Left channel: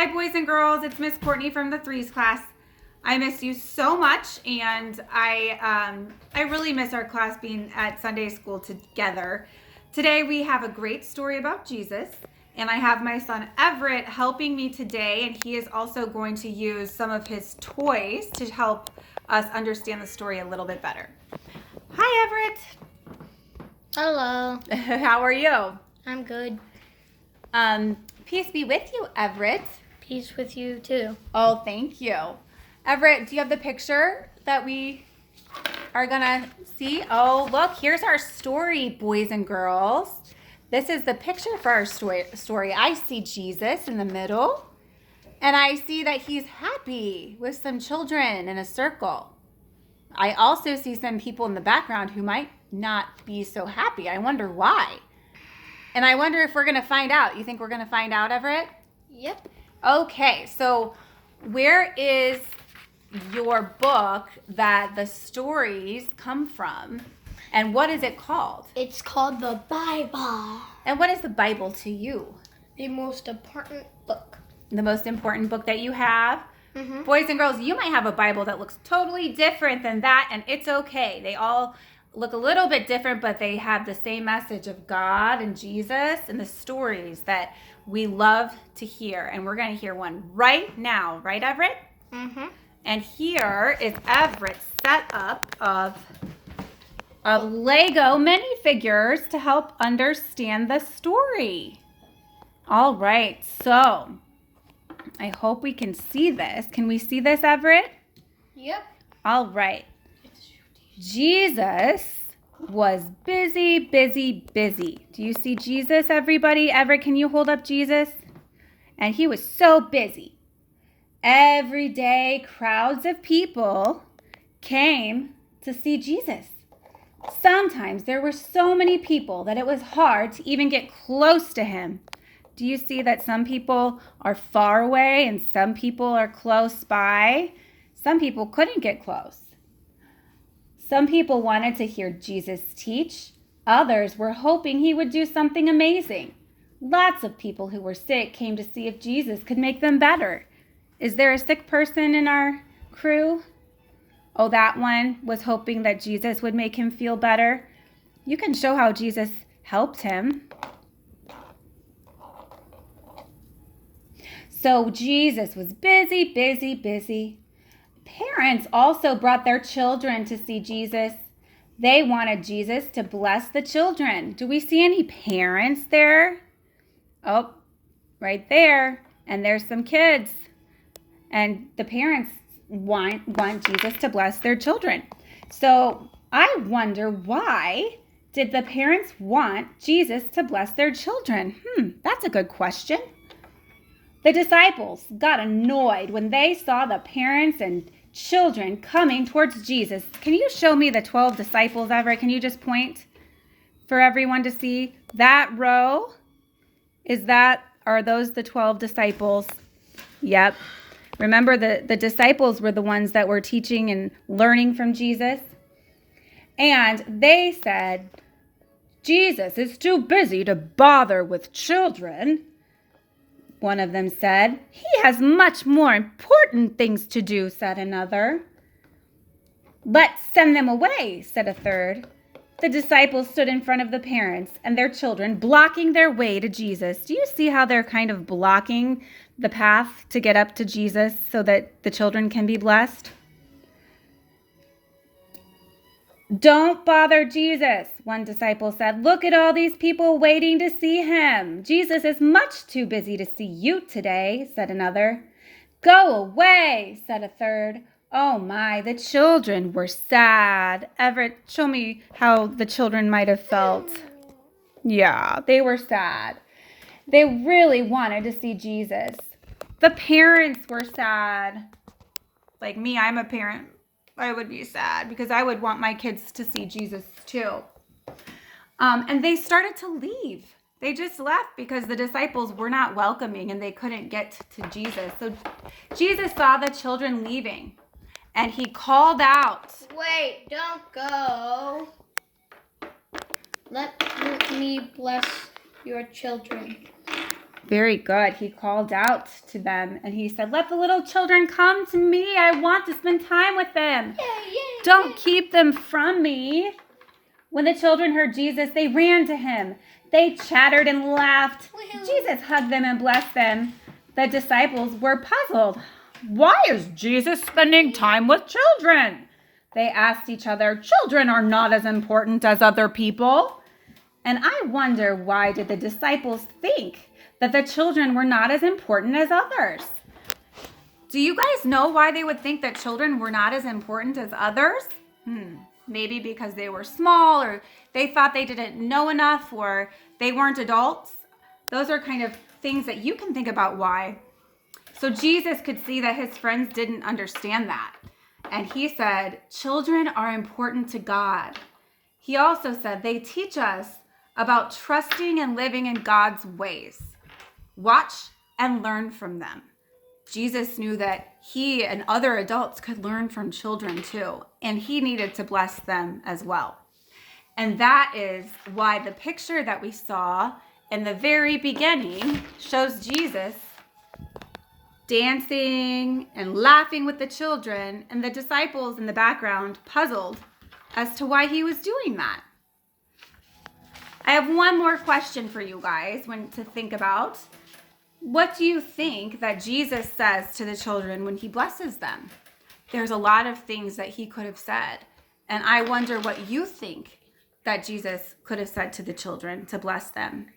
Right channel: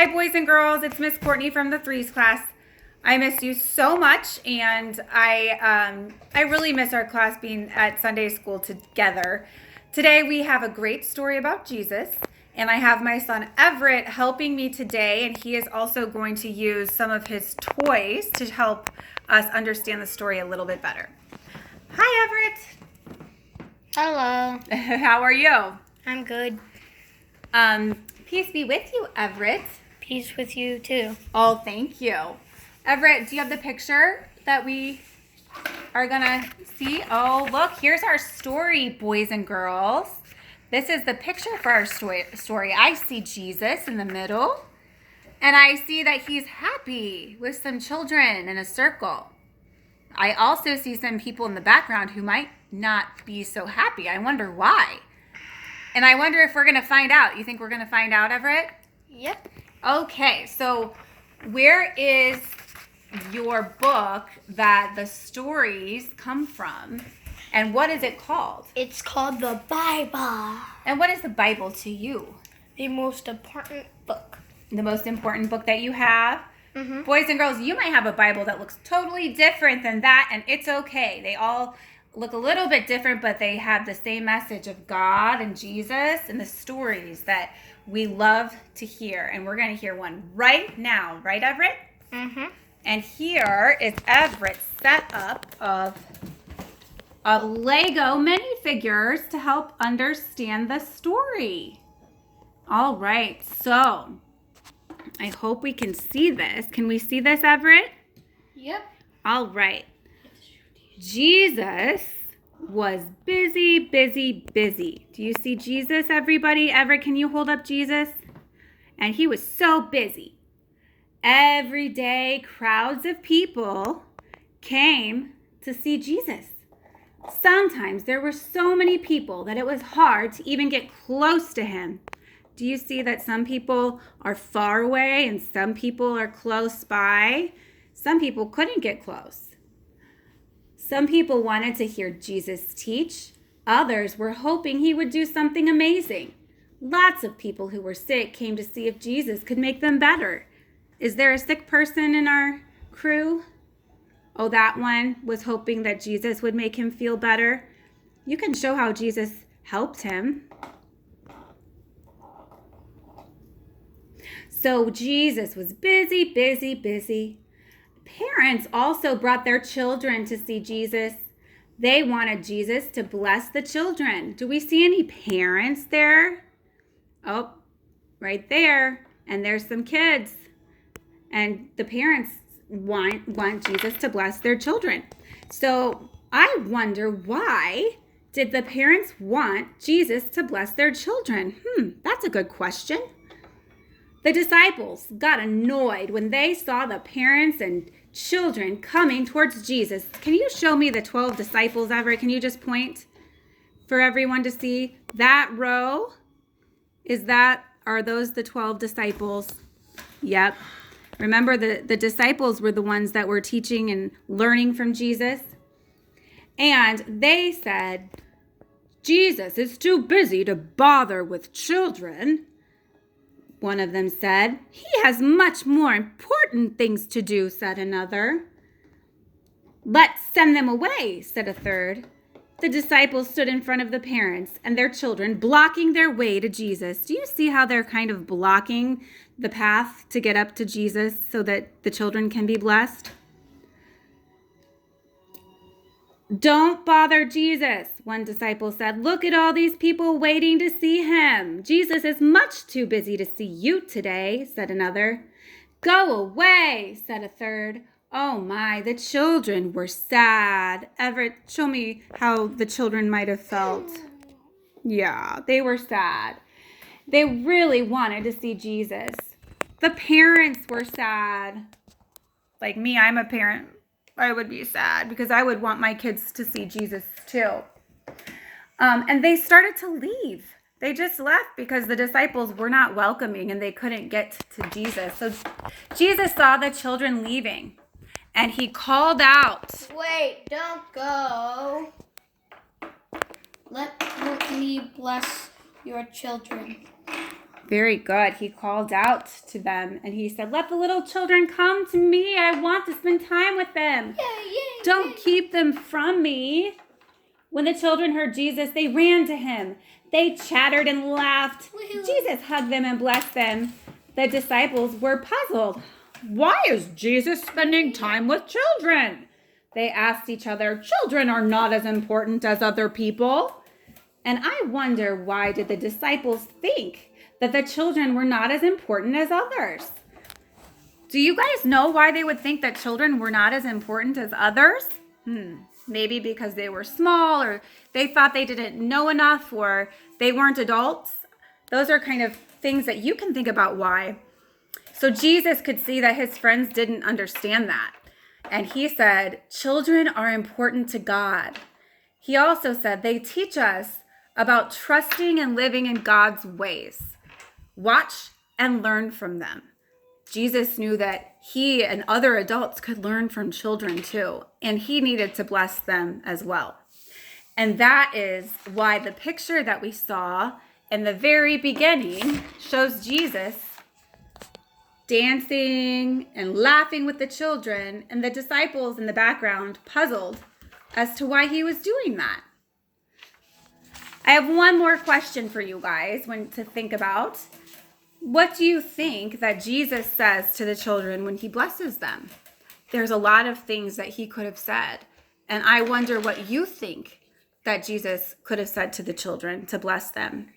Hi, boys and girls. It's Miss Courtney from the threes class. I miss you so much, and I really miss our class being at Sunday school together. Today we have a great story about Jesus, and I have my son Everett helping me today, and he is also going to use some of his toys to help us understand the story a little bit better. Hi, Everett. Hello. How are you? I'm good. Peace be with you, Everett. Peace with you too. Oh, thank you. Everett, do you have the picture that we are gonna see? Oh, look, here's our story, boys and girls. This is the picture for our story. I see Jesus in the middle, and I see that he's happy with some children in a circle. I also see some people in the background who might not be so happy. I wonder why. And I wonder if we're gonna find out. You think we're gonna find out, Everett? Yep. Okay, so where is your book that the stories come from, and what is it called? It's called the Bible. And what is the Bible to you? The most important book. The most important book that you have? Mm-hmm. Boys and girls, you might have a Bible that looks totally different than that, and it's okay. They all look a little bit different, but they have the same message of God and Jesus and the stories that we love to hear. And we're going to hear one right now. Right, Everett? Mm-hmm. And here is Everett's setup of Lego minifigures to help understand the story. All right, so I hope we can see this. Can we see this, Everett? Yep. All right. Jesus was busy, busy, busy. Do you see Jesus, everybody? Everett, can you hold up Jesus? And he was so busy. Every day, crowds of people came to see Jesus. Sometimes there were so many people that it was hard to even get close to him. Do you see that some people are far away and some people are close by? Some people couldn't get close. Some people wanted to hear Jesus teach. Others were hoping he would do something amazing. Lots of people who were sick came to see if Jesus could make them better. Is there a sick person in our crew? Oh, that one was hoping that Jesus would make him feel better. You can show how Jesus helped him. So Jesus was busy, busy, busy. Parents also brought their children to see Jesus. They wanted Jesus to bless the children. Do we see any parents there? Oh, right there. And there's some kids. And the parents want Jesus to bless their children. So I wonder, why did the parents want Jesus to bless their children? That's a good question. The disciples got annoyed when they saw the parents and children coming towards Jesus. Can you show me the 12 disciples, Everett? Can you just point for everyone to see that row? Are those the 12 disciples? Yep. Remember, the disciples were the ones that were teaching and learning from Jesus. And they said, Jesus is too busy to bother with children. One of them said. He has much more important things to do, said another. Let's send them away, said a third. The disciples stood in front of the parents and their children, blocking their way to Jesus. Do you see how they're kind of blocking the path to get up to Jesus so that the children can be blessed? Don't bother Jesus, one disciple said. Look at all these people waiting to see him. Jesus is much too busy to see you today, said another. Go away, said a third. Oh my, the children were sad. Everett, show me how the children might have felt. Yeah, they were sad. They really wanted to see Jesus. The parents were sad. Like me, I'm a parent. I would be sad because I would want my kids to see Jesus too. And they started to leave. They just left because the disciples were not welcoming and they couldn't get to Jesus. So Jesus saw the children leaving and he called out. Wait, don't go. Let me bless your children. Very good. He called out to them and he said, "Let the little children come to me. I want to spend time with them. Don't keep them from me." When the children heard Jesus, they ran to him. They chattered and laughed. Jesus hugged them and blessed them. The disciples were puzzled. "Why is Jesus spending time with children?" they asked each other. "Children are not as important as other people." And I wonder, why did the disciples think that the children were not as important as others? Do you guys know why they would think that children were not as important as others? Maybe because they were small, or they thought they didn't know enough, or they weren't adults. Those are kind of things that you can think about why. So Jesus could see that his friends didn't understand that. And he said, children are important to God. He also said they teach us about trusting and living in God's ways. Watch and learn from them. Jesus knew that he and other adults could learn from children too, and he needed to bless them as well. And that is why the picture that we saw in the very beginning shows Jesus dancing and laughing with the children, and the disciples in the background puzzled as to why he was doing that. I have one more question for you guys to think about. What do you think that Jesus says to the children when he blesses them? There's a lot of things that he could have said, and I wonder what you think that Jesus could have said to the children to bless them.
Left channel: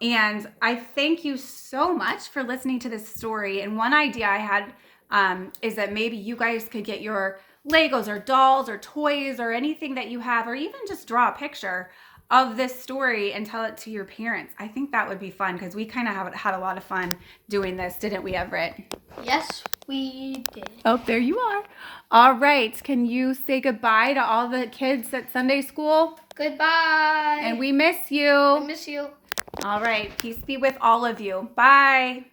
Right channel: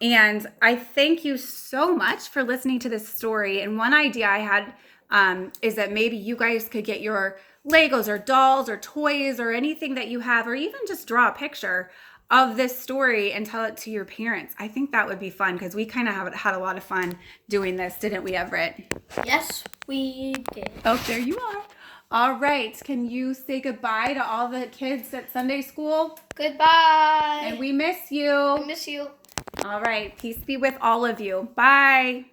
And I thank you so much for listening to this story. And one idea I had is that maybe you guys could get your Legos or dolls or toys or anything that you have, or even just draw a picture of this story and tell it to your parents. I think that would be fun, because we kind of had a lot of fun doing this, didn't we, Everett? Yes, we did. Oh, there you are. All right. Can you say goodbye to all the kids at Sunday school? Goodbye. And we miss you. I miss you. All right. Peace be with all of you. Bye.